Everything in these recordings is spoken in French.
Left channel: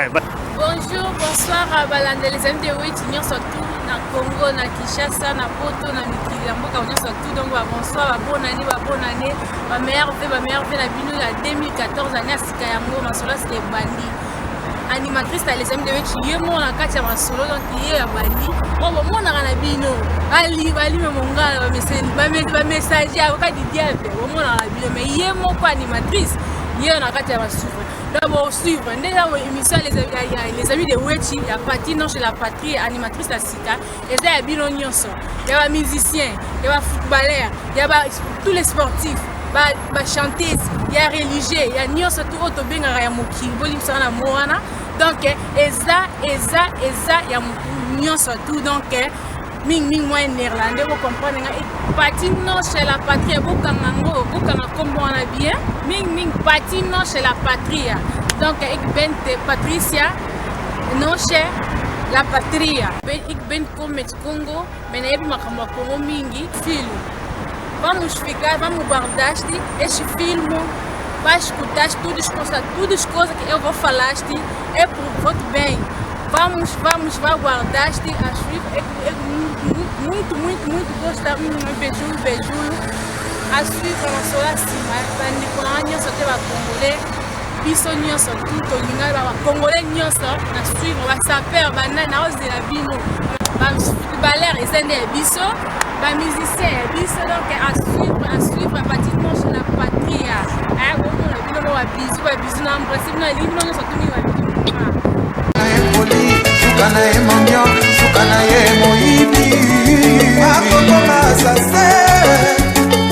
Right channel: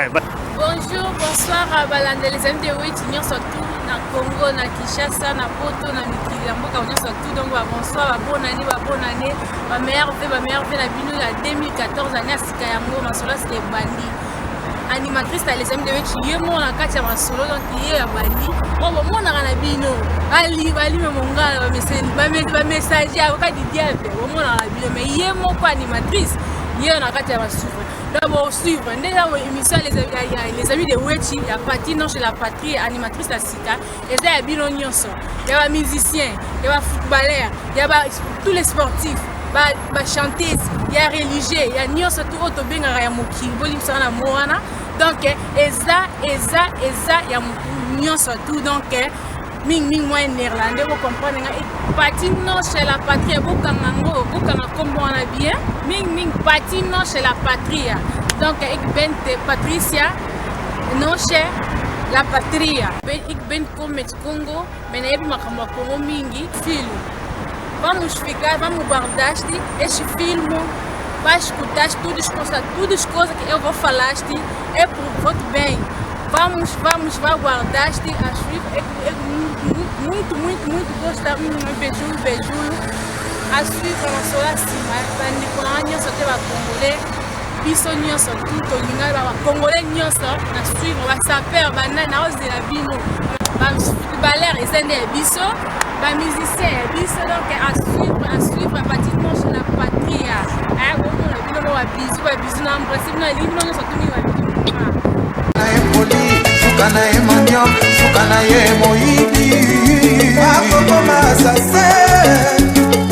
Bonjour, bonsoir à Balande, les amis de Witch, nous sommes tous na Congo, na Kinshasa, na Poto, na Mikilamboka, nous sommes tous, donc bonsoir, bonne année, ma meilleure vie, la bino la 2014, année à Sikayango, ma solo c'était Bandi. Animatrice, les amis de Witch, yemo na katia ma solo, donc yé ya Bandi. Bon, mon na bino, ali, mon gars, ma message, à aucun diable, mon na bino, mais yemo quoi animatrice, yé na katia ma solo. D'abord suivre l'émission les amis de Wechi, il y a Patino chez la patrie, animatrice la Sika, et il y a Bino Nyonso, il y a musiciens, il y a footballeurs, il y a tous les sportifs, les chanteuses, il y a religieux, il y a Nyonso tout auto bien à Yamuki, Bolim Sana Moana, donc Eza, il y a Nyonso tout, donc Ming moi néerlandais, vous comprenez, Patino chez la patrie, Bukangango, Bukanga comme on a bien, Ming Patino chez la patrie, donc ik ben Patricia, non chez la patrie, ik ben comme Congo, mais n'ai pas comme Congo mingi, film, vamos ficar, vamos guardar este filme, vai escutar tudo as coisas que eu vou falar, é por voto bem. Vamos guardar a suivre. Muito gostar, beijo. A suivre na sola cima. Para nós só teve a congolais, biso nyonso tudo linga ba congolais nyonso na suivre ba saper banana os de la bino. Ba footballeur ezende biso, ba musicien biso donc à suivre à partir de la patrie. Ah bon la bino ba biso na principe na ligne nyonso tuni ba bino. Sukana ye mondio, sukana ye moibi Akokoma sase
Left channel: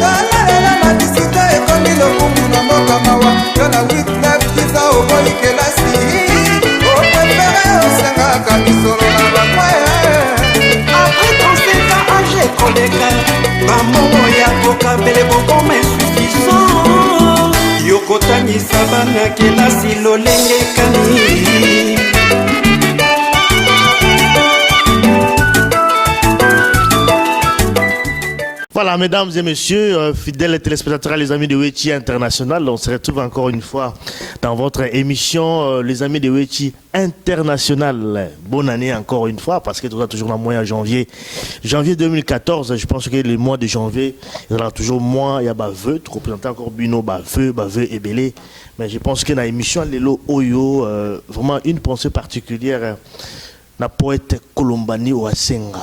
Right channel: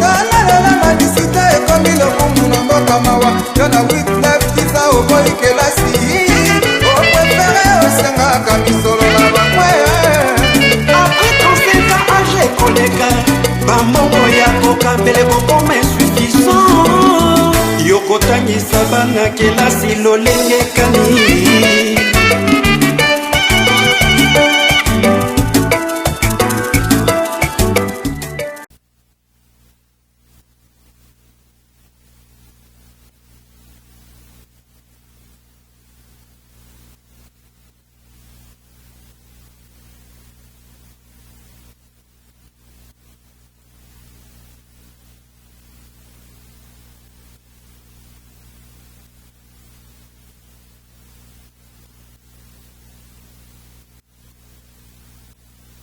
Kalalela madisita ekomi lokumu na mboka mawa Yona Wyclef kisa oboyi kelasi Oprefere osengaka misolo na bakwe Après 35 ans âgé koleka Bamongo ya kokabele bokoma insuffisant Yokotangisa bana kelasi lolenge kani Voilà, mesdames et messieurs, fidèles téléspectateurs, les amis de Wechi International, on se retrouve encore une fois dans votre émission, les amis de Wechi International. Bonne année encore une fois, parce que tout ça toujours dans le mois de janvier. Janvier 2014, je pense que le mois de janvier, il y aura toujours moins, il y a Baveux, tu représentes encore Bino, Baveux et Belé. Mais je pense que dans l'émission, Lelo Oyo, vraiment une pensée particulière. Na poète Kolombani Wasenga,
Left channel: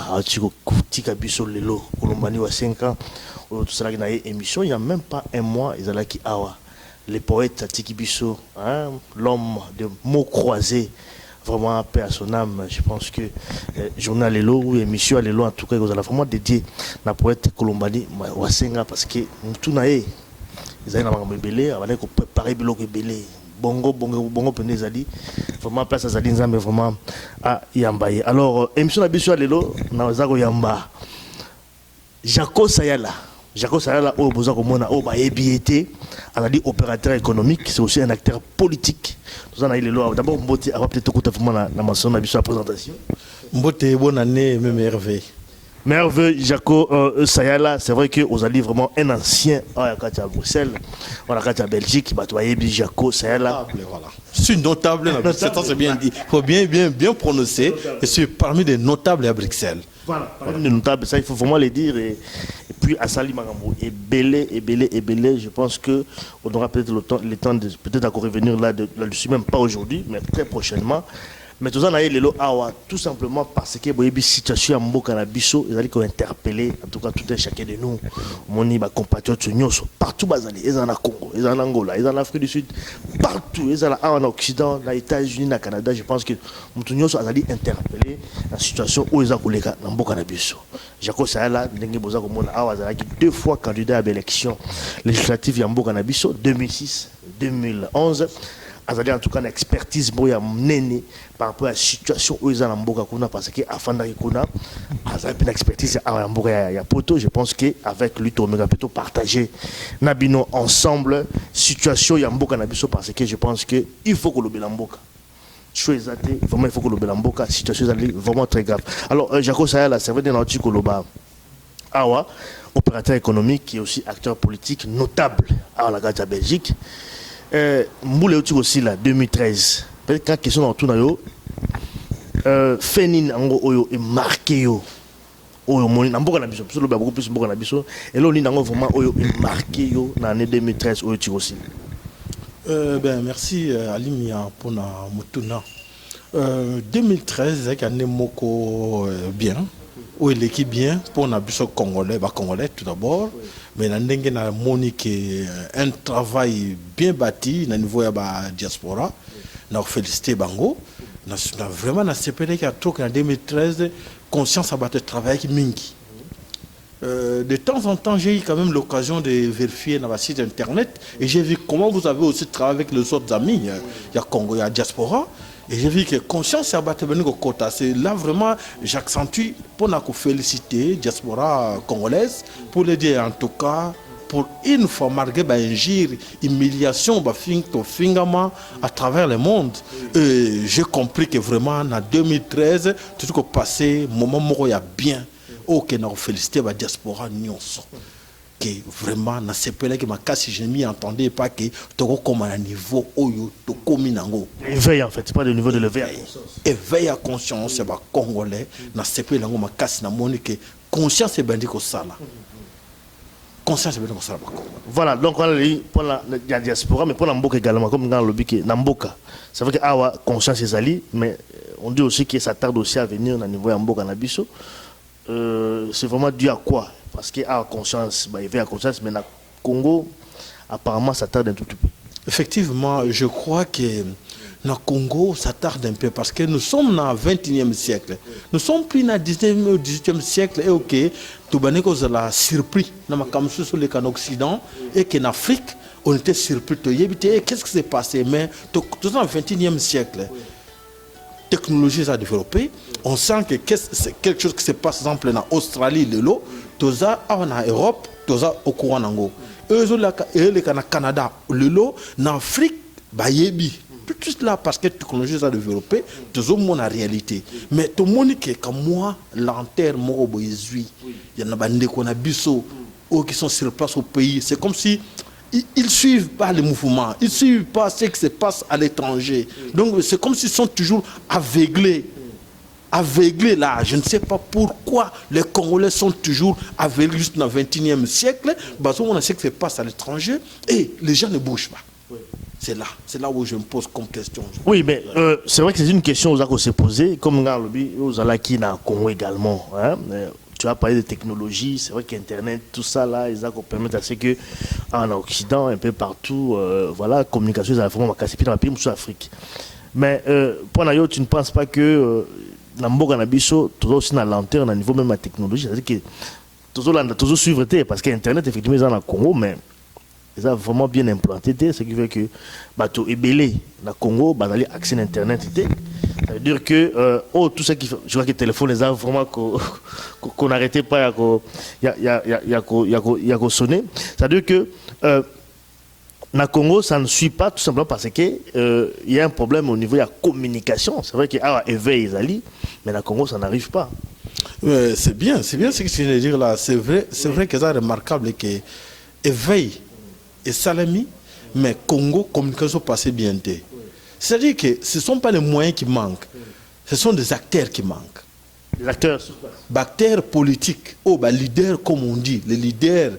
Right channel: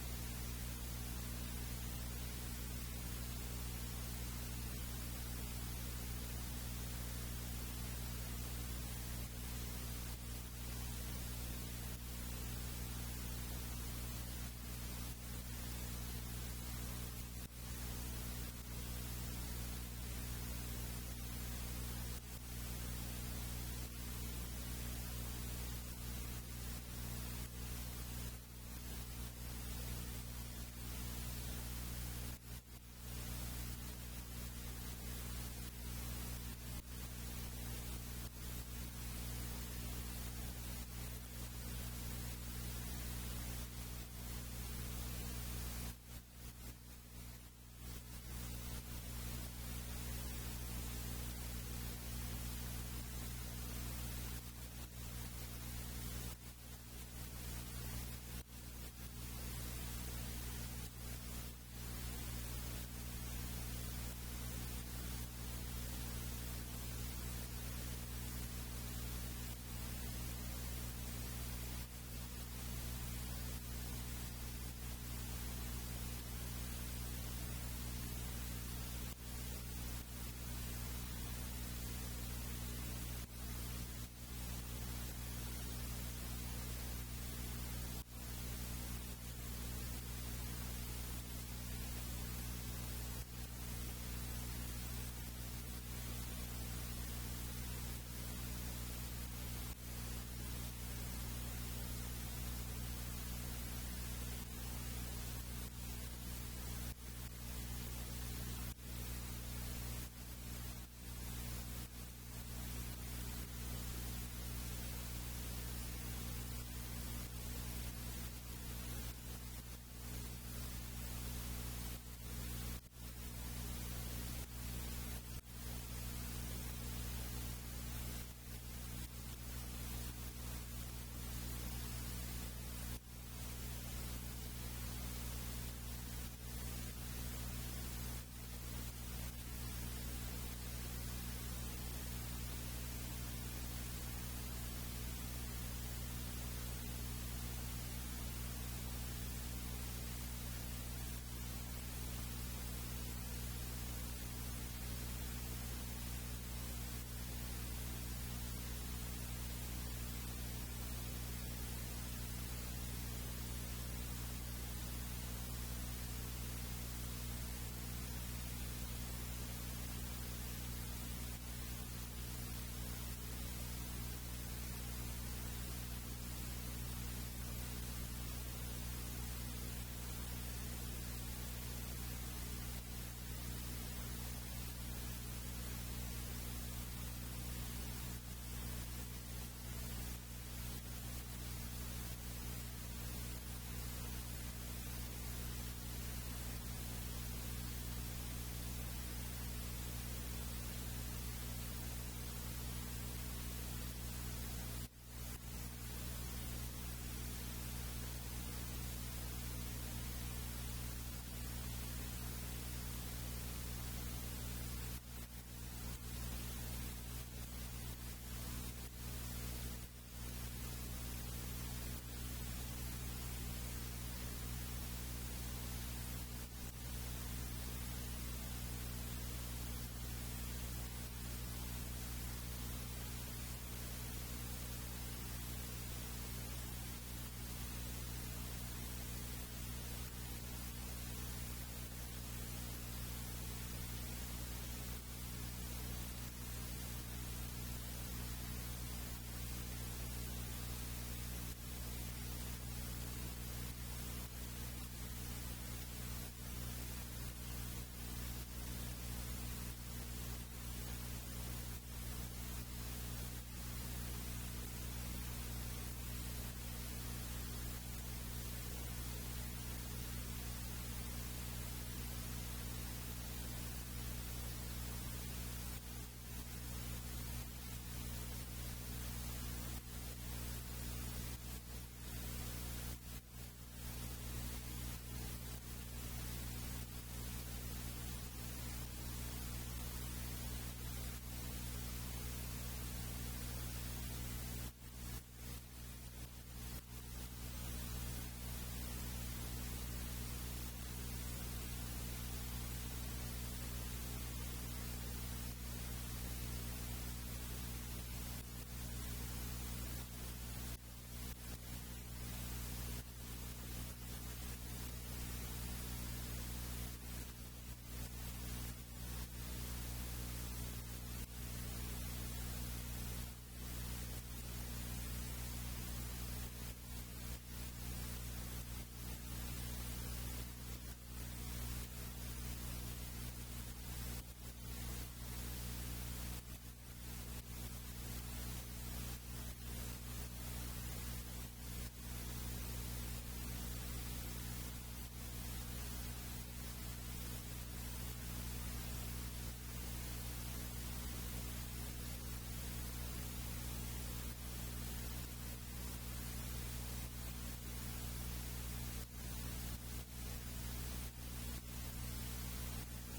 Tika Biso Lelo, Kolombani Wasenga, tout ça qui a émission, il n'y a même pas un mois, ils allaient qui awa. Les poètes Tiki Biso, l'homme de mots croisés, vraiment paix à son âme. Je pense que journal Lelo ou émission Lelo, en tout cas, vous allez vraiment dédier la poète Kolombani Wasenga parce que tout n'a ils allaient dans le belé, avaient préparé biloko belé. Bongo Penezali, vraiment place à Zalinza, mais vraiment à Yambaye. Alors, émission de Bissou Alelo, Nazago Yamba, Jaco Sayala, au Bozako Mona, au Baébiété, on a dit opérateur économique, c'est aussi un acteur politique. Nous en avons les lois. D'abord, Mbote, avant peut-être écouter la mention de la présentation. Mbote, bonne année, même merveille. Merveille, Jaco Sayala, c'est vrai que vous allez vraiment un ancien à Bruxelles, à Belgique, Jaco Sayala. Voilà. C'est notable, c'est bien dit. Il faut bien prononcer. Et c'est parmi les notables à Bruxelles. Voilà, parmi les notables, ça il faut vraiment le dire. Et puis à Sali Magambo, et belé, je pense qu'on aura peut-être le temps de peut-être encore revenir là-dessus, même pas aujourd'hui, mais très prochainement. Mais tout ça, tout simplement parce que la situation à Mboka Nabiso, ils ont interpellé, en tout cas tout un chacun de nous, mon compatriotes, partout, ils sont en Congo, ils sont en Angola, ils sont en Afrique du Sud, partout, ils sont en Occident, dans les États-Unis, dans le Canada. Je pense que nous avons interpellé la situation où ils sont en Mboka Nabiso. Jaco Sayala, deux fois candidat à l'élection législative à Mboka Nabiso, 2006-2011. Azali en tout cas une expertise boya nene par rapport à la situation où ils sont en Mboka kuna parce que afin d'arriver azali une expertise à Mboka ya poto. Je pense que avec lui on va plutôt partager nabino ensemble situation ya Mboka Nabiso parce que je pense que il faut que le Mboka vraiment il faut que le Mboka situation est vraiment très grave. Alors Jaco Sayala c'est vrai dans notre koloba awa opérateur économique qui est aussi acteur politique notable à la Belgique. Mboule aussi là 2013 peut-être quand question dans tout nayo Fénin ango oyo est marqué yo oyo moni na mboka na biso parce que beaucoup plus mboka na biso et là on nango vraiment oyo est marqué yo na année 2013 oyo tikosi. Ben merci Alimia pour na mutuna. 2013 c'est année moko bien où l'équipe bien pour na biso congolais tout d'abord mais na ndenge na monique un travail bien bâti na niveau ya ba diaspora na féliciter bango na vraiment na CPD qui a toqué en 2013 conscience à battre travail qui mingi. De temps en temps, j'ai eu quand même l'occasion de vérifier dans le site internet et j'ai vu comment vous avez aussi travaillé avec les autres amis. Il y a Congo, il y a Diaspora. Et j'ai vu que conscience à battre au quota. C'est là vraiment, j'accentue pour nous féliciter Diaspora congolaise, pour les dire en tout cas, pour une fois malgré l'injure, humiliation, à travers le monde. J'ai compris que vraiment en 2013, tout ce qui est passé, moment où il y a bien. Ok, nous féliciter la diaspora nyonso. Que vraiment, na sepele que ma casse je m'y entendais pas que tu comme à un niveau oyo to komi nango. Éveil en fait, c'est pas le niveau de l'éveil. Éveil à conscience, c'est pas congolais. Na sepele nango ma casse na moni que conscience est bandi ko sala. Conscience est bandi ko sala. Voilà, donc on a dit pour la diaspora, mais pour la mboka également, comme dans le lobby que na mboka. C'est vrai que awa conscience est ali, mais on dit aussi que ça tarde aussi à venir au niveau ya mboka na biso. C'est vraiment dû à quoi? Parce qu'il y a conscience, il y a conscience, mais le Congo, apparemment, ça tarde un tout petit peu. Effectivement, je crois que le Congo, ça tarde un peu parce que nous sommes dans le 21e siècle. Nous sommes plus dans le 19e ou 18e siècle. Et ok, tout le monde a surpris dans le canaux Occident et qu'en Afrique, on était surpris. Qu'est-ce qui s'est passé? Mais tout dans le 21e siècle. Technologie a développé, on sent que c'est quelque chose qui se passe, par exemple, en Australie, de l'eau, tout ça en Europe, tout ça au courant d'ango. Eux, au Canada, le l'eau, en Afrique, bayebi. Tout cela parce que la technologie a développé, tout ça mon réalité. Mais tout le monde qui est comme moi, l'enterre, moi, il y en a des qu'on a biso, qui sont sur place au pays. C'est comme si ils ne suivent pas les mouvements, ils ne suivent pas ce qui se passe à l'étranger. Donc c'est comme s'ils sont toujours aveuglés. Aveuglés là, je ne sais pas pourquoi les Congolais sont toujours aveuglés juste dans le 21e siècle. Parce qu'on a ce qui se passe à l'étranger et les gens ne bougent pas. C'est là où je me pose comme question. Oui, mais c'est vrai que c'est une question aux s'est posée, comme dans le lobby, aux Alaki dans le Congo également. Hein? Tu as parlé de technologie, c'est vrai qu'Internet, tout ça là, ils permettent à ce que en Occident, un peu partout, voilà, la communication, ça vraiment cassé dans le pays, dans l'Afrique. Mais pour Nayo, tu ne penses pas que dans le Boga-Nabiso, tout aussi dans la lenteur, au niveau même de la technologie, c'est-à-dire que toujours suivre, parce qu'Internet, effectivement, ils sont dans le Congo, mais ils ont vraiment bien implanté, ce qui fait que bateau est belé dans le Congo, bah d'aller accès à Internet, ça veut dire que tout ce qui fait, je vois que le téléphone les a vraiment qu'on n'arrêtait pas, il y a sonné. Ça veut dire que dans le Congo, ça ne suit pas tout simplement parce qu'il y a un problème au niveau de la communication. C'est vrai qu'il y a un éveil, mais dans le Congo, ça n'arrive pas. C'est bien ce que tu viens de dire là. C'est vrai que c'est remarquable que éveil et salami, mais Congo, communication passée bien. C'est-à-dire que ce ne sont pas les moyens qui manquent, ce sont des acteurs qui manquent. Les acteurs acteurs politiques, leaders comme on dit, les leaders.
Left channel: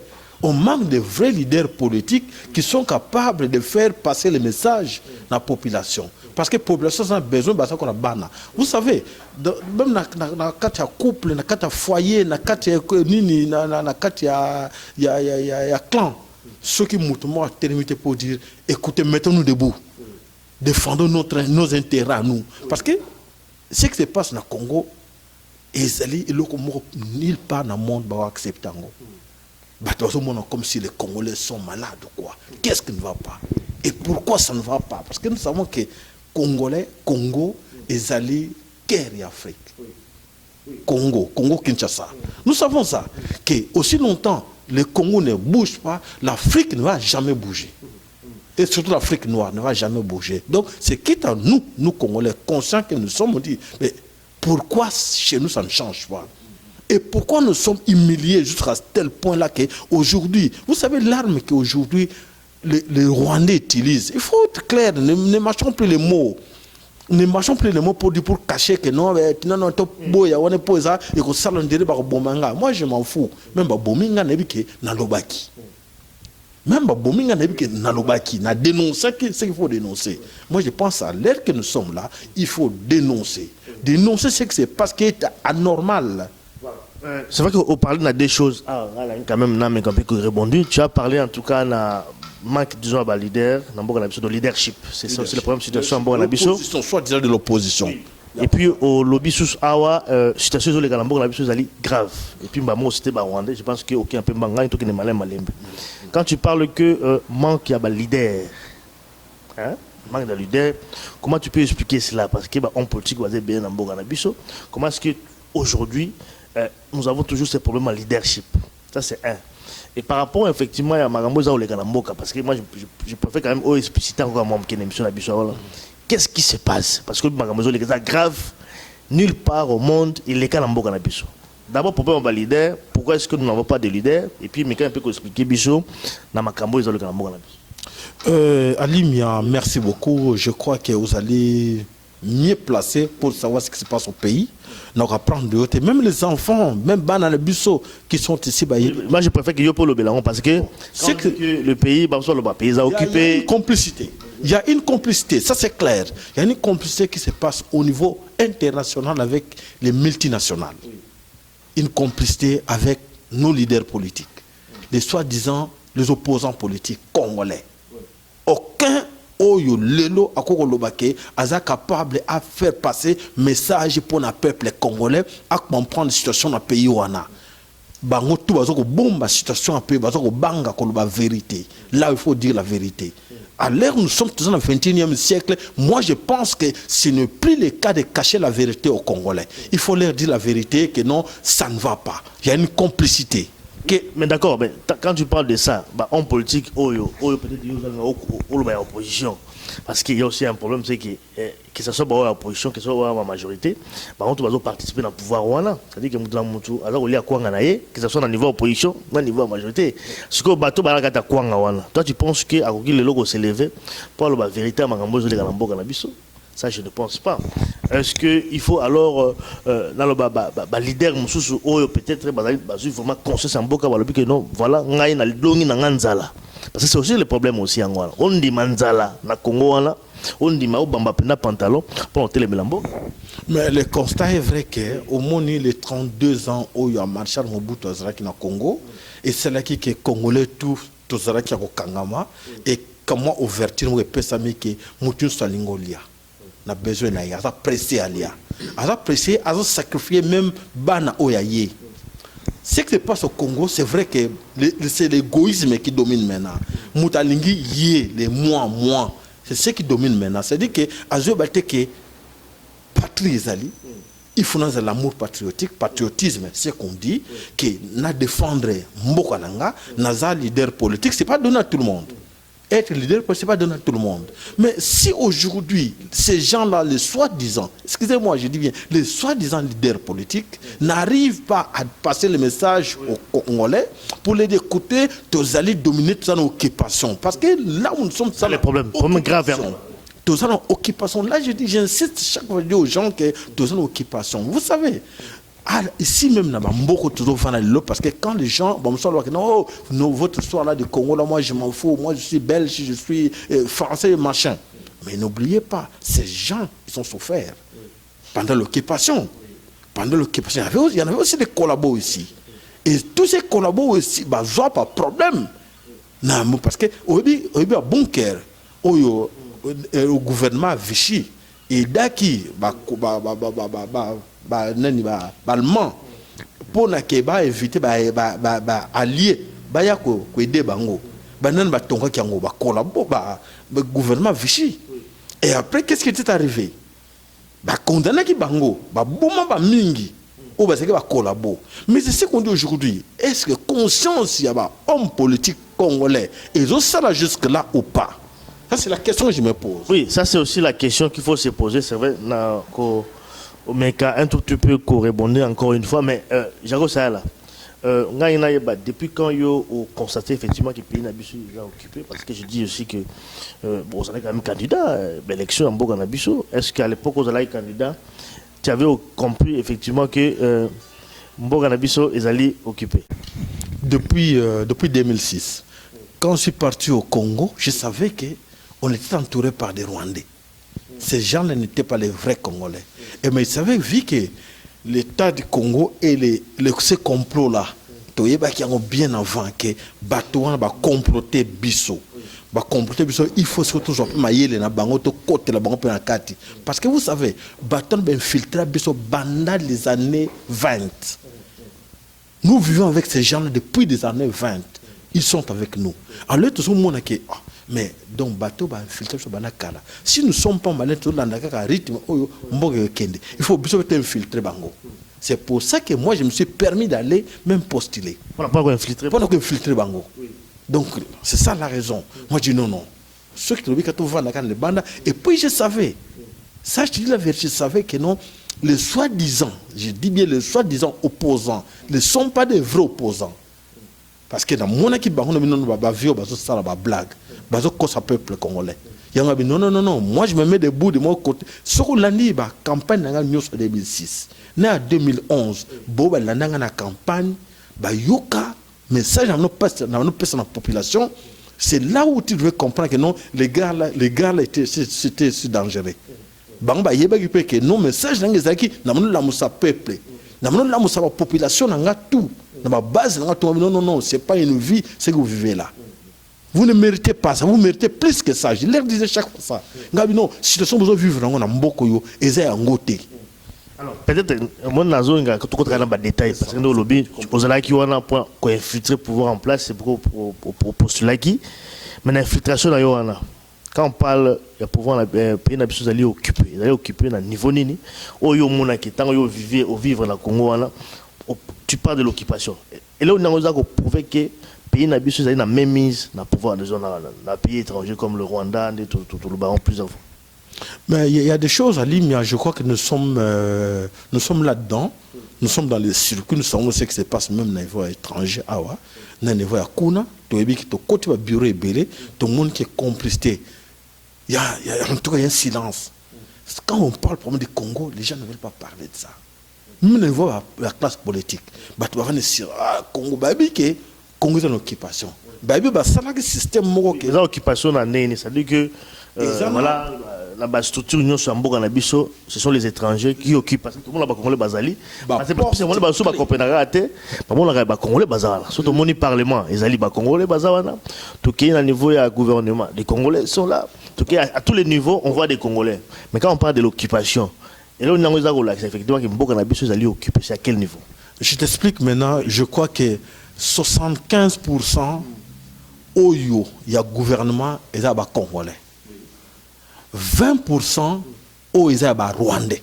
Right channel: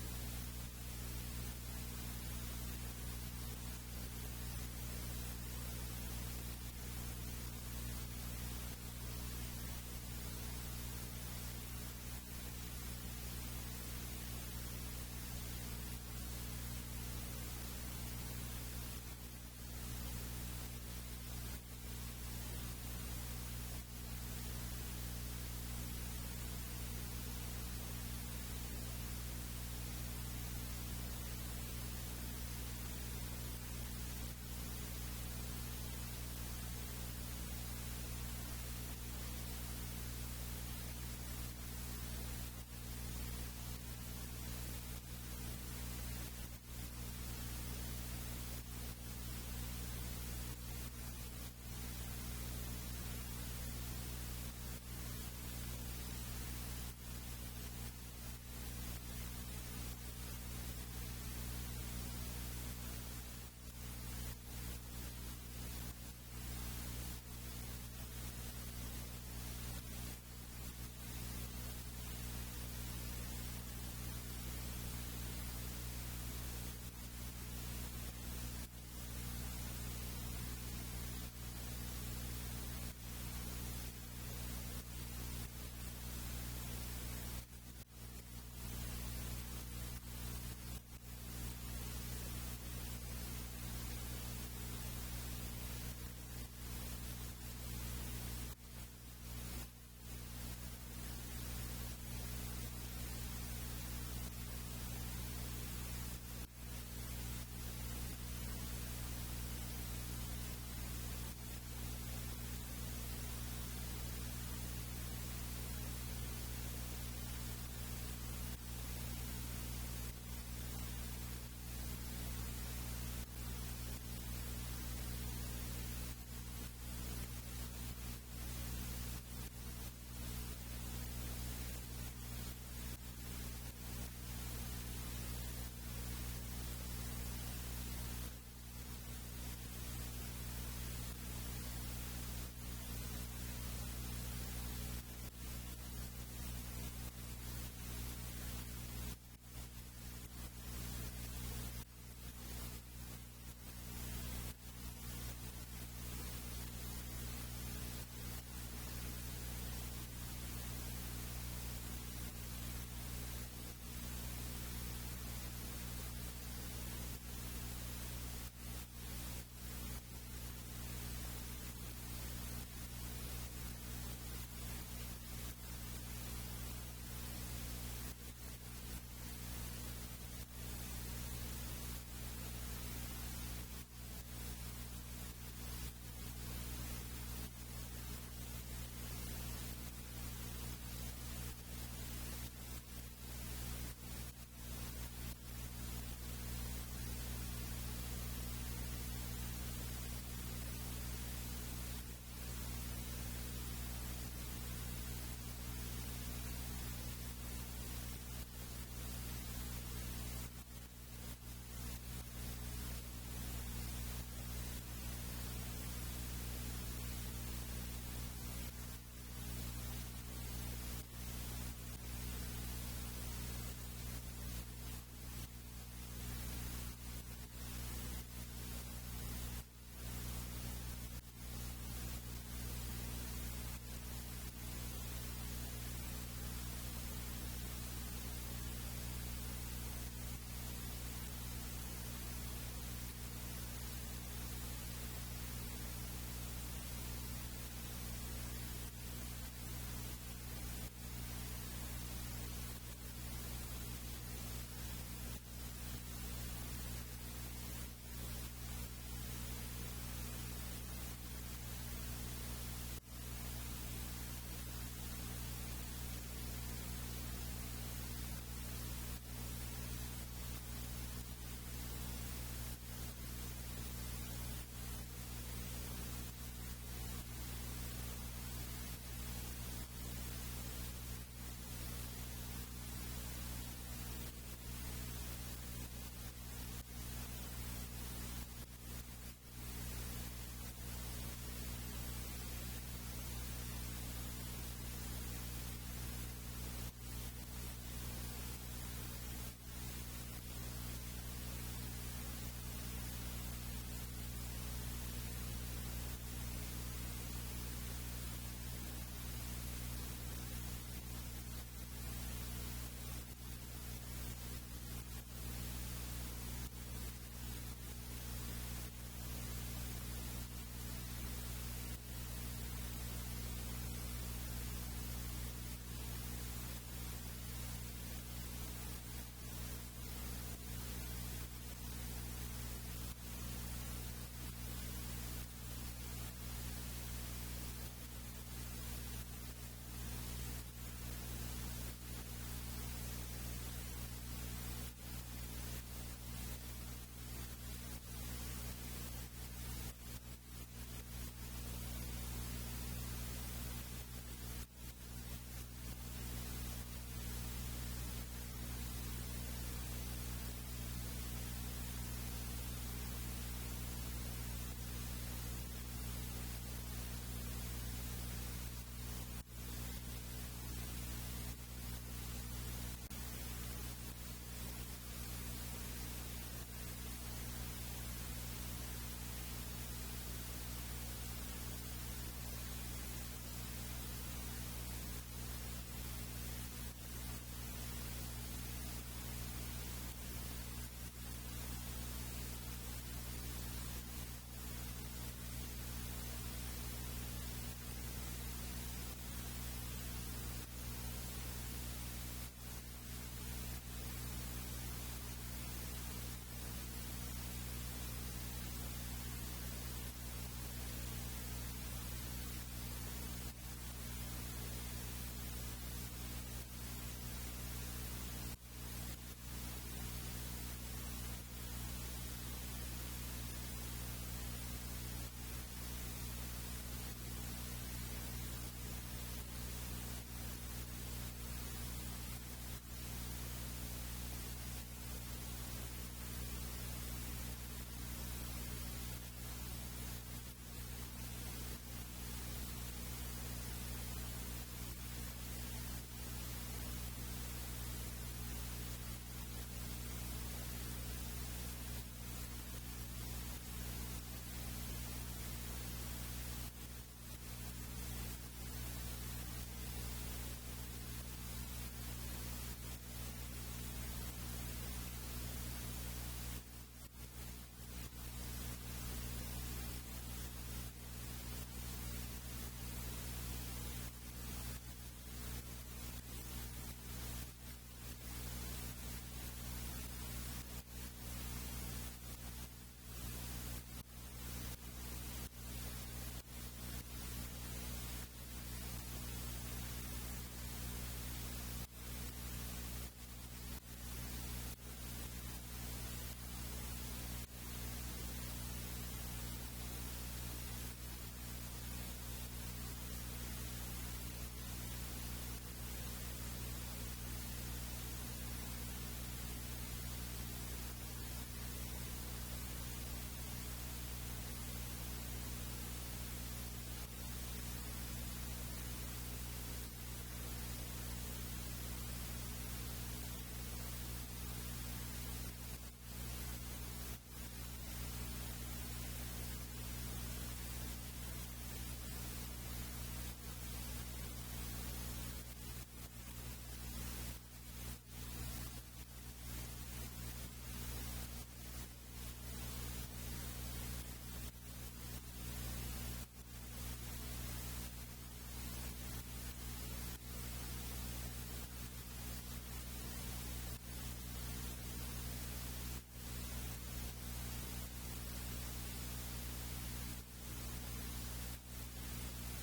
On manque de vrais leaders politiques qui sont capables de faire passer le message à la population. Parce que la population a besoin de ça qu'on a bana. Vous savez, même dans le couple, dans le foyer, dans le clan, ceux qui m'ont terminé pour dire, écoutez, mettons-nous debout. Défendons nos intérêts à nous. Parce que ce qui se passe dans le Congo, nulle part dans le monde va accepter. Comme si les Congolais sont malades ou quoi. Qu'est-ce qui ne va pas? Et pourquoi ça ne va pas? Parce que nous savons que Congolais, Congo, Ezali, guerre et Afrique. Congo, Kinshasa. Nous savons ça. Que aussi longtemps le Congo ne bouge pas, l'Afrique ne va jamais bouger. Et surtout l'Afrique noire ne va jamais bouger. Donc c'est quitte à nous Congolais, conscients que nous sommes, on dit, mais pourquoi chez nous ça ne change pas? Et pourquoi nous sommes humiliés jusqu'à tel point-là qu'aujourd'hui, vous savez l'arme qu'aujourd'hui les Rwandais utilisent, il faut être clair, ne mâchons plus les mots. ne marchons plus les mots pour dire, pour cacher que non, non, boya, on est posé, et que ça l'on dirait par bomanga. Moi, je m'en fous. Même par bominga nebike nalobaki. Même par bominga nebike nalobaki, na dénoncer ce qu'il faut dénoncer. Moi, je pense à l'ère que nous sommes là, il faut dénoncer. Dénoncer ce qui se passe qui est anormal. C'est vrai qu'on parle de des choses. Quand même, non, mais quand tu répondu, tu as parlé en tout cas na manque disons à leader, de leadership. C'est ça aussi le problème situation en l'opposition, soit disant de l'opposition. Et puis au lobby sous awa situation sur les galambo la chose ali grave. Et puis moi c'était rwandais, je pense que aucun peu manga et tout qui est malin malembe. Quand tu parles que manque ya leader. Hein? Manque de leader, comment tu peux expliquer cela parce que on politique va bien en boga na biso. Comment est-ce que aujourd'hui nous avons toujours ces problèmes de leadership. Ça c'est un. Et par rapport effectivement à Magamboza ou les Galamboka, parce que moi je préfère quand même expliciter encore mon qui émission la biso. Qu'est-ce qui se passe? Parce que Magamboza les gars grave nulle part au monde il est Galamboka na biso. D'abord pourquoi on va leader? Pourquoi est-ce que nous n'avons pas de leader? Et puis mais quand un peu expliquer biso na Makambo ils ont le Galamboka na biso. Alimia, merci beaucoup. Je crois que vous allez mieux placer pour savoir ce qui se passe au pays. Donc apprendre de haute. Même les enfants, même dans le busso qui sont ici. Moi je préfère que yo pour le Bélaron parce que c'est que le pays, pays a occupé. Il y a une complicité. Il y a une complicité, ça c'est clair. Il y a une complicité qui se passe au niveau international avec les multinationales. Une complicité avec nos leaders politiques. Les soi-disant les opposants politiques congolais. Aucun oyo lelo akokolobake aza capable à faire passer message pour le peuple congolais à comprendre la situation dans le pays wana bango tout bazoko bomba situation un peu bazoko banga koloba vérité là il faut dire la vérité à l'heure nous sommes toujours dans le 21e siècle. Moi je pense que ce n'est plus le cas de cacher la vérité aux Congolais. Il faut leur dire la vérité que non ça ne va pas, il y a une complicité. Mais d'accord, mais quand tu parles de ça, en politique, peut-être opposition. Parce qu'il y a aussi un problème, c'est que ce soit l'opposition, que ce soit la majorité, on va participer dans le pouvoir. C'est-à-dire que ce soit dans le niveau opposition, dans le niveau majorité. Ce que toi, tu penses que le logo s'est levé pour la vérité à Magambozo de Galamboka Nabiso? Ça, je ne pense pas. Est-ce qu'il faut alors, dans le leader, peut-être, vraiment conscience en boka, que non, voilà, parce que c'est aussi le problème aussi en Angola. On dit manzala, na Congo, on dit maobamba pena pantalon pour monter les mélambo. Mais le constat est vrai qu'au moins les 32 ans où il y a Marshal Mobutu Azaraki na Congo, et c'est là qui est congolais tout Azaraki au Kangama, et comment ouverture ou pesami que Moutou Salingolia. Na besoin na ya pressé alia a pressé a sacrifié même bana oyaye. Ce qui se passe au Congo, c'est vrai que c'est l'égoïsme qui domine maintenant. Moutalingi yé les moi c'est ce qui domine maintenant. C'est-à-dire que azo batte que patrie zali il faut dans l'amour patriotique, patriotisme, c'est qu'on dit que na défendre mboka nanga naza leader politique, c'est pas donné à tout le monde. Être leader, ce n'est pas donné à tout le monde. Mais si aujourd'hui, ces gens-là, les soi-disant, excusez-moi, je dis bien, les soi-disant leaders politiques n'arrivent pas à passer le message aux Congolais pour les écouter, tous allez dominer toute occupation. Parce que là où nous sommes, ça le problème grave. Tous allez occupation. Là, je dis, j'insiste chaque fois aux gens que tous allez occupation. Vous savez. Ah, ici même, beaucoup toujours parce que quand les gens, non, votre histoire là de Congo, là, moi je m'en fous, moi je suis belge, je suis français, machin. Mais n'oubliez pas, ces gens, ils ont souffert pendant l'occupation. Pendant l'occupation, il y en avait aussi des collabos ici. Et tous ces collabos ici, bah, n'ont pas de problème. Non, parce que, au bunker, au gouvernement Vichy, et daki, allemand pour éviter allié aider bango gouvernement Vichy. Et après qu'est-ce qui est arrivé? Condamné qui bango mingi mais c'est ce qu'on dit aujourd'hui. Est-ce que conscience il y a homme politique congolais ils ont ça là jusque là ou pas? Ça c'est la question que je me pose. Oui, ça c'est aussi la question qu'il faut se poser. C'est vrai mais un tout petit peu répondre encore une fois, mais Jago ça là. depuis quand vous constatez effectivement que le pays n'a pas déjà occupé, parce que je dis aussi que bon, vous avez quand même candidat à l'élection en Bourg-en-Abisso. Est-ce qu'à l'époque vous avez candidat, tu avais compris effectivement que Bourg-en-Abisso est allé occuper? Depuis 2006, quand je suis parti au Congo, je savais qu'on était entouré par des Rwandais. Ces gens-là n'étaient pas les vrais Congolais. Et mais ils savaient, vu que l'État du Congo et ces complots-là, qui ont bien avant que Batouan va comploter Bisso. Il faut surtout parce que vous savez, Batouan va infiltrer Bisso pendant les années 20. Nous vivons avec ces gens-là depuis les années 20. Ils sont avec nous. Alors, tout le monde a dit, mais donc, bateau va infiltrer sur Banakala. Si nous ne sommes pas malins, il faut infiltrer Bango. C'est pour ça que moi, je me suis permis d'aller même postuler. Pour infiltrer Bango. Donc, c'est ça la raison. Moi, je dis non. Ceux qui ont dit que tout va dans les bandes. Et puis, je savais. Ça, je te dis la vérité, je savais que non, les soi-disant, je dis bien les soi-disant opposants, ne sont pas des vrais opposants. Parce que dans mon équipe, on a dit non, ça la blague. Ça peuple congolais. Non, moi je me mets debout de mon côté. Ce qu'on a dit, la campagne en 2006. En 2011, Boba l'a na campagne, yoka, message dans la population. C'est là où tu devais comprendre que non, les gars là c'était dangereux. Bamba yeba qui peut que non, message dans les acquis, n'a pas la peuple, n'a pas la population, n'a tout. Dans ma base, non, c'est pas une vie, c'est que vous vivez là. Vous ne méritez pas ça, vous méritez plus que ça. Je leur disais chaque fois ça. Non, si nous sommes besoin de vivre dans un Mboko, et c'est un côté. Alors, peut-être, moi, je vais vous des détails, parce que nous, le lobby, vous avez un point qu'on infiltrer pouvoir en place, c'est pour postuler qui. Mais l'infiltration, quand on parle de pouvoir, le pays n'a pas occupé. Il est occupé dans le niveau nini. Au Yomona, tant que vivre dans le Congo, tu parles de l'occupation. Et là, on a prouvé que le pays n'a pas la même mise dans le pouvoir dans un pays étranger comme le Rwanda, tout le baron plus avant. Mais il y a des choses à Limia, je crois que nous sommes là-dedans, nous sommes dans les circuits, nous savons ce qui se passe même dans les niveau étranger, dans les niveau à Kuna, tout le côté du bureau est belé, tout le monde qui est complicité. En tout cas, il y a un silence. Quand on parle problème du Congo, les gens ne veulent pas parler de ça. Même au niveau de la classe politique, tu vas dire, Congo, Congo est en occupation. C'est un système qui est en occupation, c'est-à-dire que voilà, la structure Union Sambour Nabiso, ce sont les étrangers qui occupent. Parce que tout le monde a Congolais Bazali. C'est pas parce que le monde a Copenhague, mais on a Congolais Bazala. Surtout le Parlement, ils allaient Congolais Bazala. Tout qui est à niveau du gouvernement, les Congolais sont là. À tous les niveaux, on voit des Congolais. Mais quand on parle de l'occupation, et là, on a effectivement que Mboka Nabiso est allé occuper. C'est à quel niveau? Je t'explique maintenant. Je crois que 75% au il y a gouvernement et il y a Congolais. 20% au il y a Rwandais.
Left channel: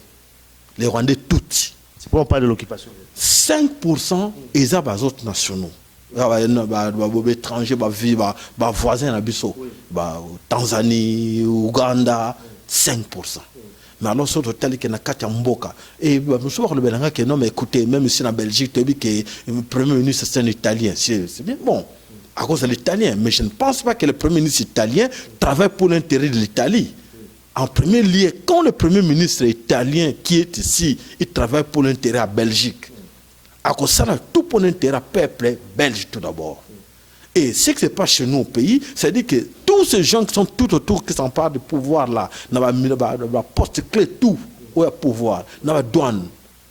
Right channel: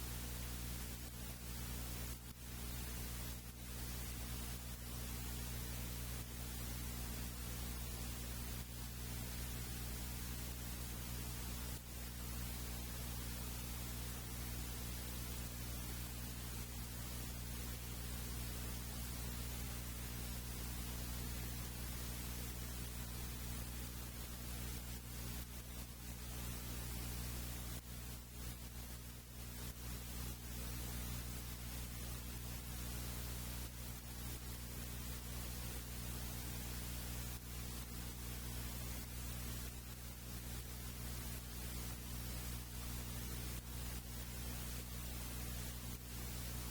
Les Rwandais tous. C'est pourquoi on parle de l'occupation. 5% il y a des autres nationaux. Les étrangers, les voisins, Tanzanie, Ouganda, 5%. Mais alors, c'est tel que na Mboka. Et nous sommes le non, mais écoutez, même ici en Belgique, tu as dit que le Premier ministre c'est un Italien. C'est bien bon, à cause de l'Italien. Mais je ne pense pas que le Premier ministre italien travaille pour l'intérêt de l'Italie. En premier lieu, quand le Premier ministre italien qui est ici, il travaille pour l'intérêt à Belgique. À cause de ça, tout pour l'intérêt peuple belge tout d'abord. Et ce qui se passe chez nous au pays, c'est-à-dire que tous ces gens qui sont tout autour, qui s'emparent du pouvoir là, dans la poste clé, tout, où il y a pouvoir, dans la douane,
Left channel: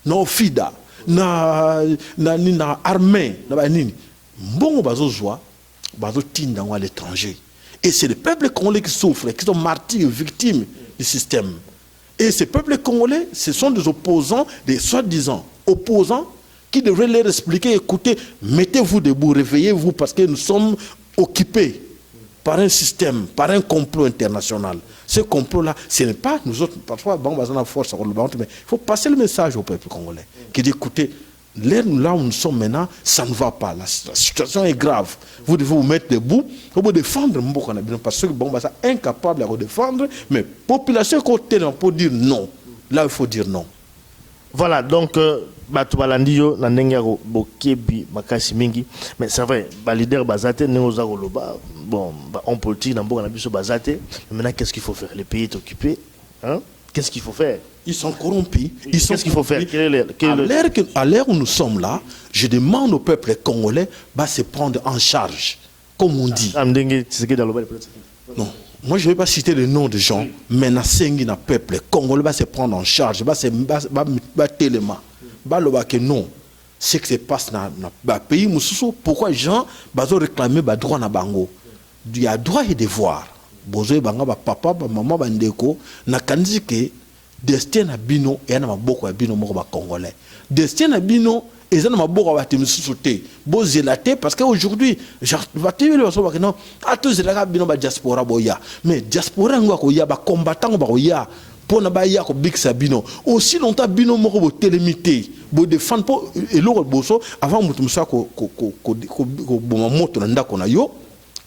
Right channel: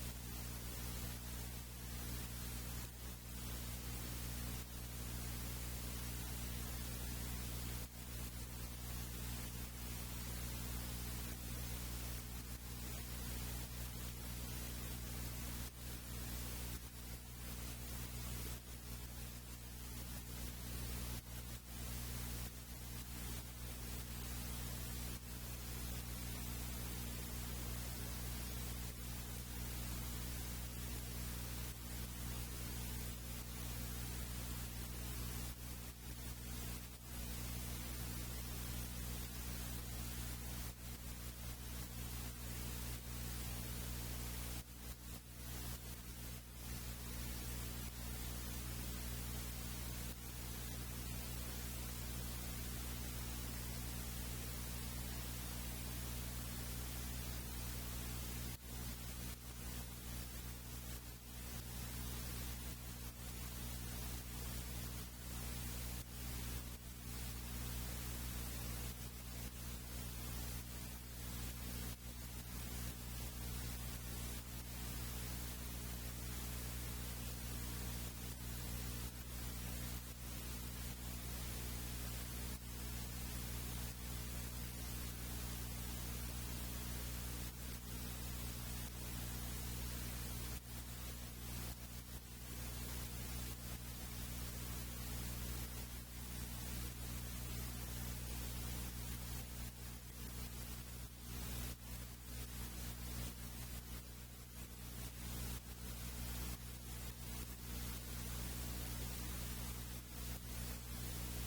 dans la FIDA, dans l'armée, dans la nini. Bon, on va jouer, on va à l'étranger. Et c'est le peuple congolais qui souffre, qui sont martyrs, victimes du système. Et ces peuples congolais, ce sont des opposants, des soi-disant opposants, qui devrait leur expliquer, écoutez, mettez-vous debout, réveillez-vous, parce que nous sommes occupés par un système, par un complot international. Ce complot-là, ce n'est pas nous autres, parfois, bon, on a force, mais il faut passer le message au peuple congolais, qui dit, écoutez, là où nous sommes maintenant, ça ne va pas, la situation est grave. Vous devez vous mettre debout, vous défendre Mboka, parce que bon, ça incapable de défendre, mais la population côté pour dire non. Là, il faut dire non. Voilà, donc, bato balandi yo na ndenge ya bokebi makasi mingi, mais c'est vrai ba leader bazate neoza koloba bon on politique na mboka na biso bazate. Maintenant qu'est-ce qu'il faut faire? Le pays est occupé, hein? Qu'est-ce qu'il faut faire? Ils sont corrompus. Qu'est-ce qu'il faut faire? À l'ère où nous sommes là, je demande au peuple congolais de se prendre en charge, comme on dit. Non, moi je ne vais pas citer le nom de gens, mais na sengi na peuple congolais va se prendre en charge, va tellement, que non. Ce qui se passe dans le pays, pourquoi les gens vont réclamer le droit na bango? Il y a droit et devoir. Bozo banga ba papa ba maman ba ndeko na kanzi ke destin na bino et na maboko ya bino moko ba congolais. Destin na bino et na maboko ba temususu te. Bo zelate parce que aujourd'hui va te le so ba non a tous zelaka bino ba diaspora boya. Mais diaspora ngo ko ya ba combattant ba ko ya pona ba ya ko biksa bino. Aussi longtemps bino moko bo telemité bo défendre po eloko boso avant mutu musa ko bo moto na ndako na yo.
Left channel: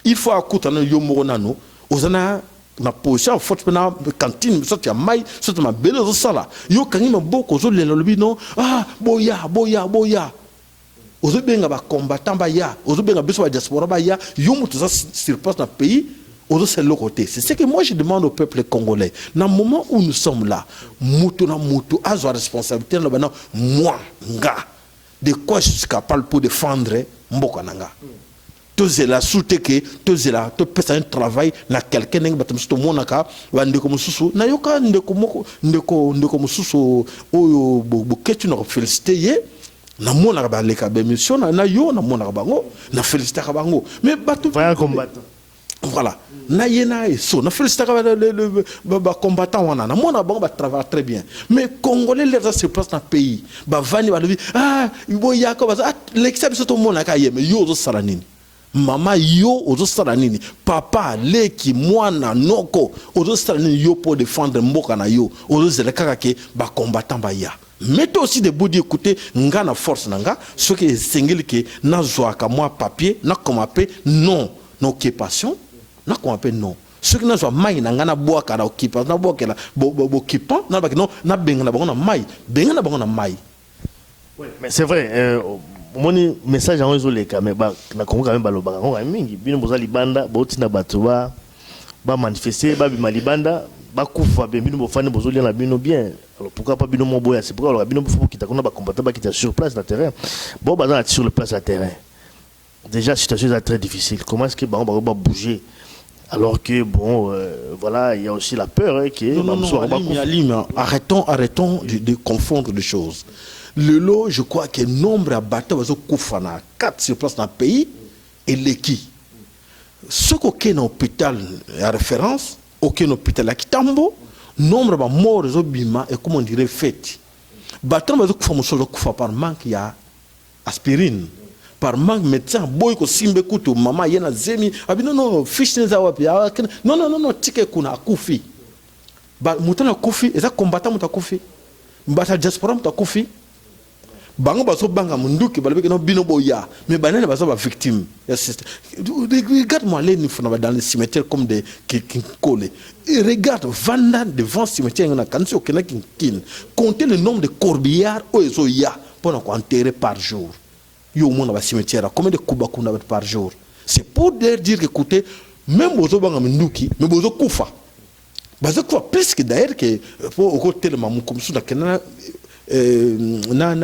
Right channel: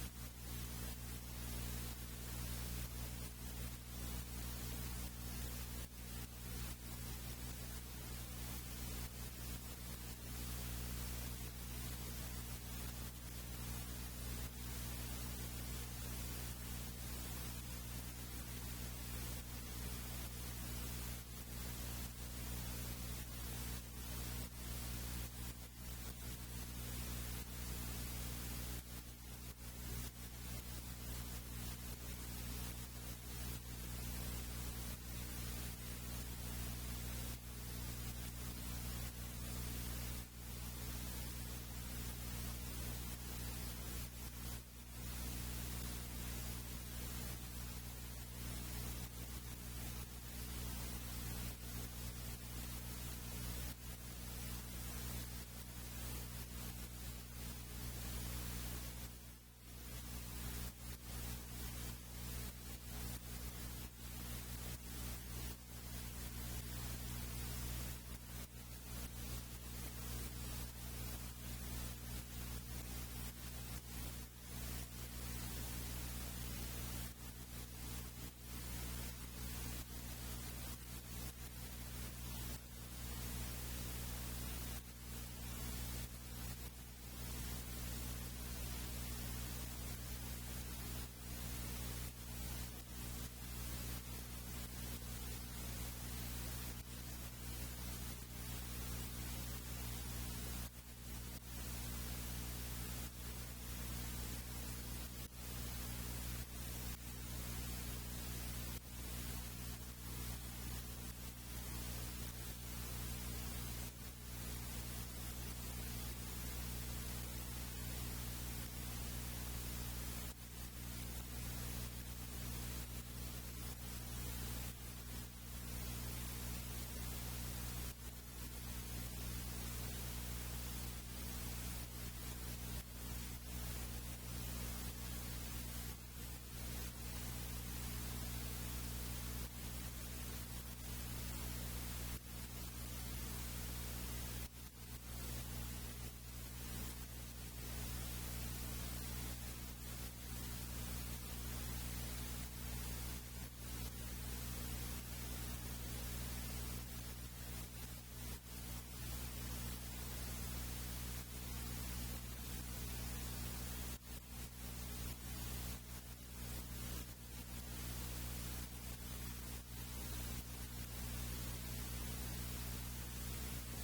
Il faut akuta na yo moko nano. Ozana na position forte na cantine so tu mai so tu ma belle sala yo kangi maboko zo le lobi no boya ozo benga ba combattant ba ya ozo benga biso ba diaspora ba ya yo mutu ça sur place na pays ozo c'est le côté. C'est ce que moi je demande au peuple congolais dans le moment où nous sommes là mutu na mutu a sa responsabilité là bana moi nga de quoi je suis capable pour défendre mboka nanga. Tous la soute que tous la tu peux un travail na quelqu'un ngi batam sto monaka wande ko mususu na yoka ndeko mususu oyo bo ketu na féliciter ye na monaka ba leka be mission na yo na monaka bango na féliciter ka bango mais batu va combattre voilà na yena et so na féliciter ba combattant wana na monaka bango ba travailler très bien mais congolais les se place dans pays ba vani ba lebi boya ko ba l'exception to monaka ye mais yo zo salanini. Mama yo ozo sala nini papa leki mwana noko ozo sala nini yo pour défendre mboka na yo ozo zela kaka ke ba combattant ba ya mettez aussi des bouts d'écouter nga na force nanga ce qui est singeli ke na zoaka moi papier na komape non na occupation na komape non ce qui na zo mai na nga na boaka na occupation na boaka la bo occupant na ba non na benga na bango na mai benga na bango na mai. Mais c'est vrai mon message en réseau les caméras na Congo quand même balobaka on mingi bino boza libanda botina bato ba manifester ba bima libanda ba kufa bino bofane bozo lia na bino bien. Alors pourquoi pas bino moboya? C'est pourquoi alors bino faut kita kona ba combattant ba kita sur place na terrain bon bazana sur le place à terrain déjà la situation est très difficile. Comment est-ce que ba bouger alors que bon voilà il y a aussi la peur non, arrêtons de confondre les choses. Le lot, je crois que le nombre de batailles est 4 sur place dans le pays et l'équipe. Ce qui est dans l'hôpital à référence, aucun hôpital à Kitambo, nombre de morts est bima et comment on dirait fait. Bataille est par manque de aspirine, par manque de médecin, boy ko simbe kutu maman yena zemi, non fiche neza wapi, non ticket kuna akufi. Ba mutana kufi, eza combattant muta kufi. Mbata diaspora muta kufi. Bango baso banga munduki balabeke no bino boya mais banane baso ba victime. Regarde-moi les nifuna dans les cimetières comme des qui collent. Regarde vanda devant le cimetière na kanso kena kin. Comptez le nombre de corbillards ozo ya pour enterrer par jour. Yo mona ba cimetière combien de kuba kuna par jour. C'est pour dire que écoutez même bozo banga munduki mais bozo kufa. Bazo kufa plus que d'ailleurs que pour au côté le mamu comme ça kena na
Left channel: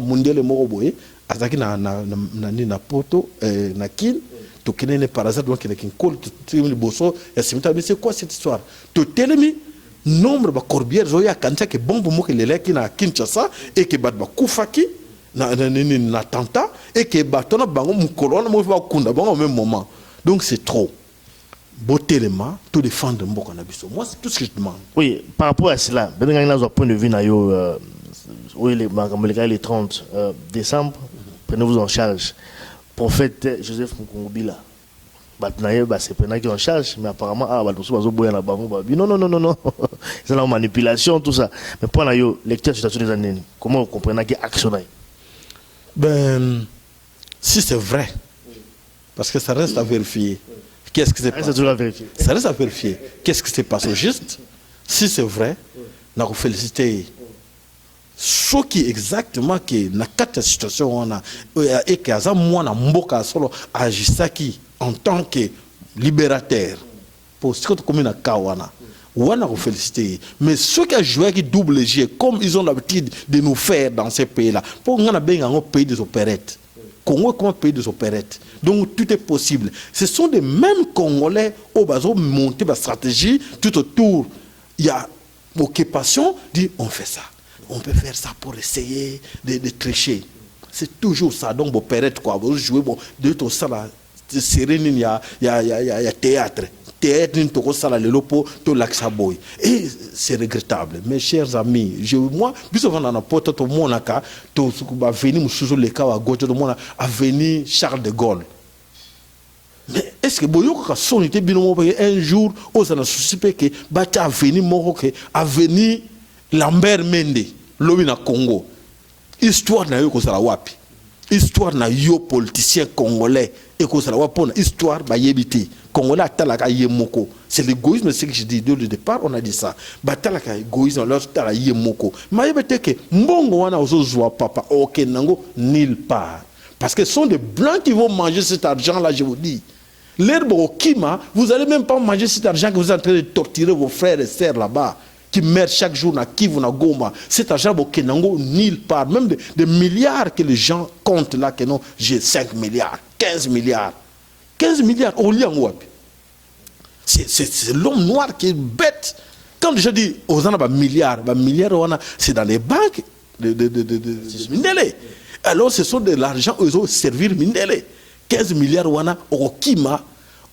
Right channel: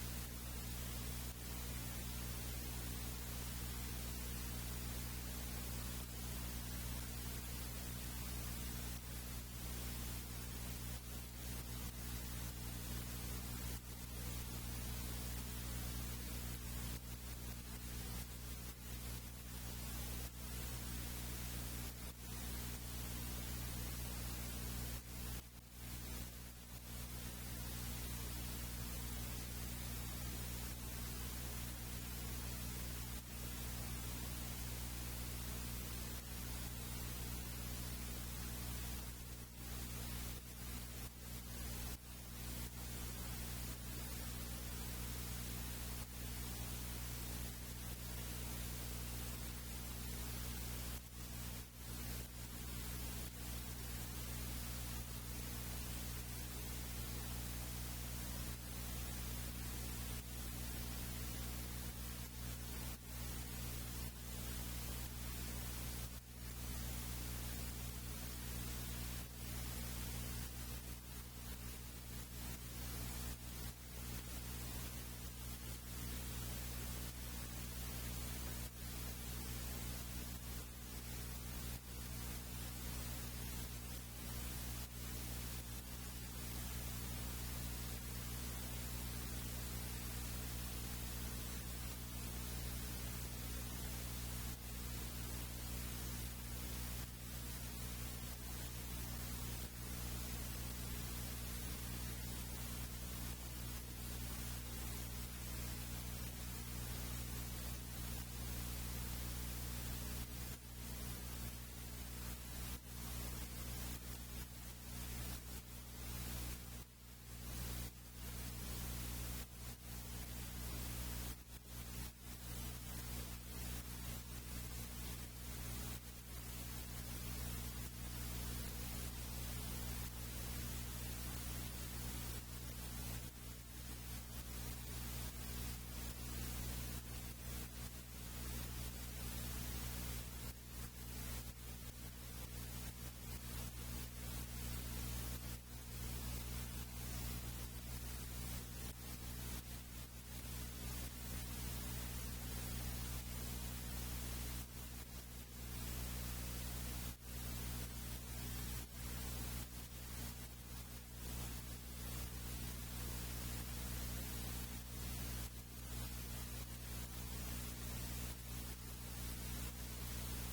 mundele moko boye azaki na poto na kin to kenene par hasard donc na kin kol to boso et c'est quoi cette histoire to telemi nombre ba corbières zo ya kancha ke bombo moko lele ki na Kinshasa et que bat ba kufaki na tanta et que batona bango mukolona mo va kunda bango au même moment donc c'est trop botelema tout défendre mboka na biso. Moi c'est tout ce que je demande. Oui, par rapport à cela ben nga na point de vue na yo oui, les 30 décembre, prenez-vous en charge. Prophète Joseph Mukungubila. C'est Pena qui est en charge, mais apparemment, non. C'est la manipulation, tout ça. Mais pour la lecture de la situation des années, comment vous comprenez qu'il y a action? Ben, si c'est vrai, parce que ça reste à vérifier. Qu'est-ce qui s'est passé? Ça reste à vérifier. Qu'est-ce qui s'est passé au juste? Si c'est vrai, nous féliciter ce qui exactement que na kati ya situation wana et que aza mwana mboka solo agisaki en tant que libérateur pour ce que tu commis na kawana wana ko féliciter mais ceux qui a joué qui double jeu comme ils ont l'habitude de nous faire dans ces pays là pour ngana benga ngo pays des opérettes Congo comme un pays des opérettes donc tout est possible ce sont des mêmes Congolais au bazo monter la stratégie tout autour il y a occupation dit on fait ça. On peut faire ça pour essayer de tricher. C'est toujours ça. Donc, vous opérette quoi. Vous jouez, bon, de tout ça là, il y a théâtre. Théâtre, le lopo, tout l'axaboy. Et c'est regrettable. Mes chers amis, moi, plus souvent dans la porte, tout le monde a venu, sous le cas à gauche, tout le monde a venu Charles de Gaulle. Mais est-ce que Boyoka son était bien un jour, on a souci que Bata a venu Moroke, a venu Lambert Mende. Lobi na Congo histoire na yo ko sala wapi histoire na yo politicien congolais et ko sala wapi na histoire ba yebiti congolais atalaka yemoko c'est l'égoïsme ce que je dis dès le départ on a dit ça batalaka égoïsme leur tala yemoko ma yebete ke mbongo wana ozozwa papa OK nango nulle part parce que ce sont des blancs qui vont manger cet argent là je vous dis l'herbe au Kima vous allez même pas manger cet argent que vous êtes en train de torturer vos frères et sœurs là-bas qui meurent chaque jour na Kivu na Goma. Cet argent au Kenango nulle part. Même des milliards que les gens comptent là, que non, j'ai 5 milliards, 15 milliards. 15 milliards, au lieu c'est l'homme noir qui est bête. Quand je dis aux gens milliards, c'est dans les banques de Mindele. Alors ce sont de l'argent aux autres servir Mindele. 15 milliards au Kima.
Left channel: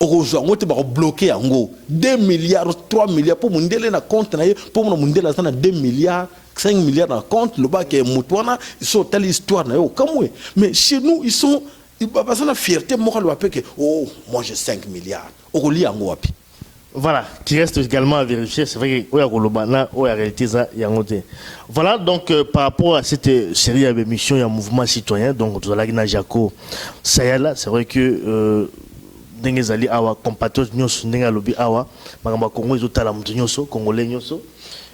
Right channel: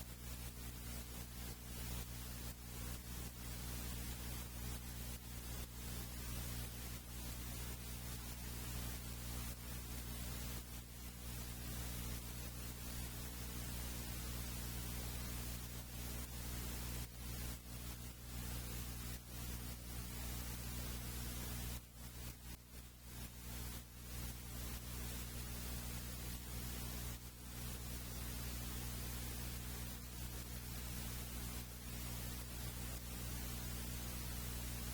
On va bloquer en gros 2 milliards, 3 milliards pour Mundele na compte pour mon Mundele na 2 milliards, 5 milliards na compte le bas qui est Moutouana, ils sont telle histoire na yo comme mais chez nous ils sont ils pas la fierté morale que oh moi j'ai 5 milliards. Au lit en gros. Voilà, qui reste également à vérifier, c'est vrai que la réalité voilà donc par rapport à cette série d'émissions, il y a un mouvement citoyen donc tout à l'heure Jaco Sayala, c'est vrai que Dengezali awa compatriotes nyonso ndenga lobi awa makamba Congo ezotala mutu nyonso congolais nyonso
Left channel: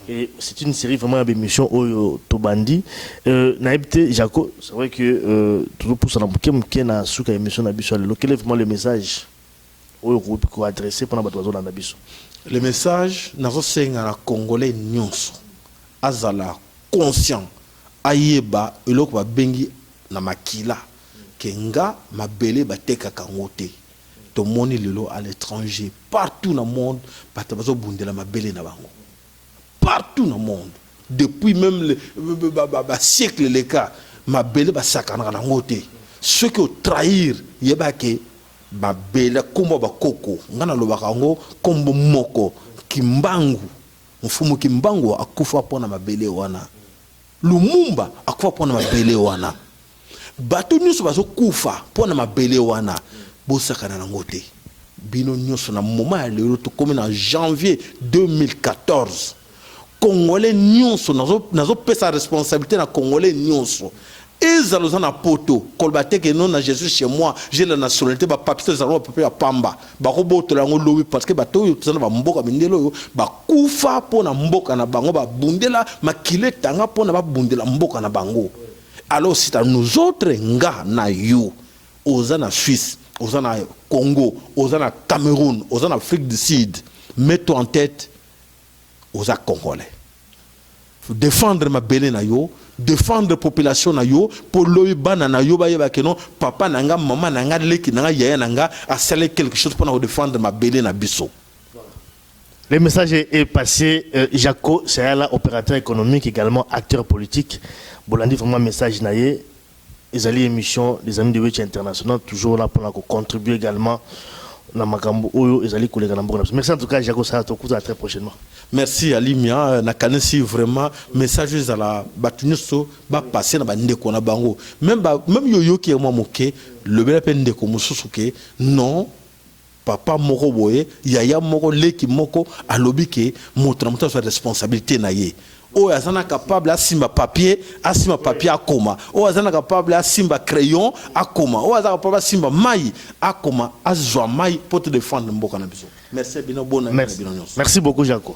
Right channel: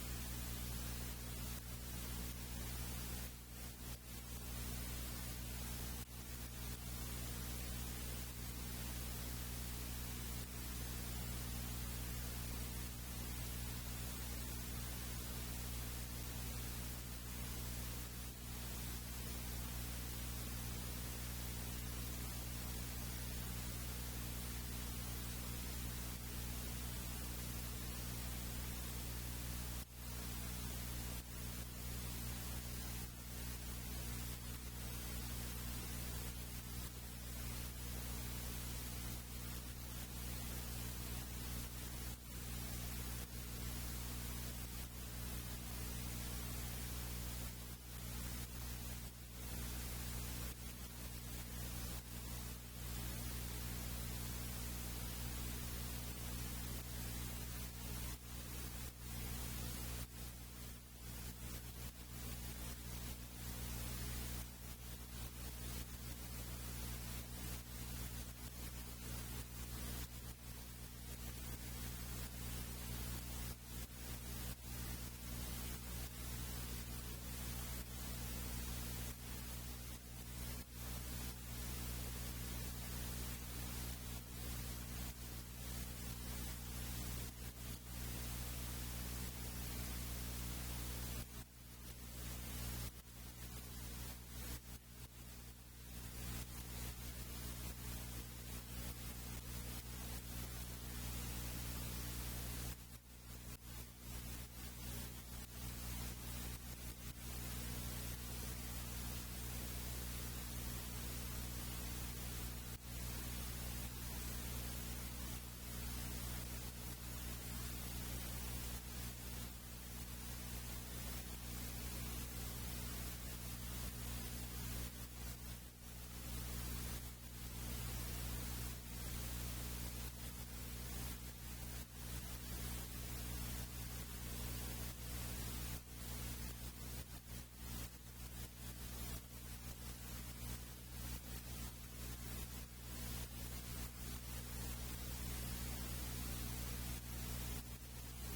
et c'est une série vraiment d'émissions oyo tobandi naibte Jaco c'est vrai que toujours pour ça na na suka émission na biso lelo quel est vraiment le message oyo ko adresser pendant bato bazolanda biso le message nazo senga na congolais nyonso azala conscient ayeba eloko babengi na makila kenga mabele bateka kangote tout le monde à l'étranger, partout dans le monde, partout dans le monde, depuis même le siècle les cas, ma belle ba sakana na ngote. Ceux qui ont trahir, yebake ba belle kombo ba koko, ngana lo bakango kombo moko kimbangu, mfumu kimbangu akufa pona mabele wana. Lumumba akufa pona mabele wana. Bato nyuso bazo kufa pona mabele wana. Bosakana nangote bino nyonso na moment ya lelo to comme en janvier 2014 congolais nyonso nazo pesa responsabilité na congolais nyonso ezaloza na poto kolbate ke non na Jésus chez moi j'ai la nationalité ba papier zalo papier ya pamba ba roboto lango lobi parce que bato yo tsana ba mboka mindelo yo ba kufa pona mboka na bango ba bundela makile tanga pona ba bundela mboka na bango alors c'est à nous autres nga na yo ozana Suisse aux en Congo, aux en Cameroun, aux en Afrique du Sud, mets-toi en tête aux Congolais. Défendre ma belle na yo, défendre la population na yo, pour l'oïbana na yo, papa nanga, maman nanga, leki nanga, yaya nanga, à sceller quelque chose pour défendre ma belle na biso. Le message est passé. Jaco, c'est là, opérateur économique, également acteur politique. Bolandi, vraiment message naïe. Les alliés émissions des amis de Wetchi International, toujours là pour contribuer également à Makambo Oyo, les alliés collègues. Merci en tout cas, Jaco, ça va très prochainement. Merci Alimia, nakanesi vraiment message à la batunuso ba passer na bande ko na bango. Même yoyo qui est moi moké, le bel peine ko mususuke non papa moko boye, yaya moko leki moko alobike motramuta sa responsabilité na ye. O azana capable à simba papier à koma. O azana capable à simba crayon à koma. O azana capable à simba mai à koma à zwa mai pour te défendre mboka na biso. Merci bien bon. Merci beaucoup Jaco.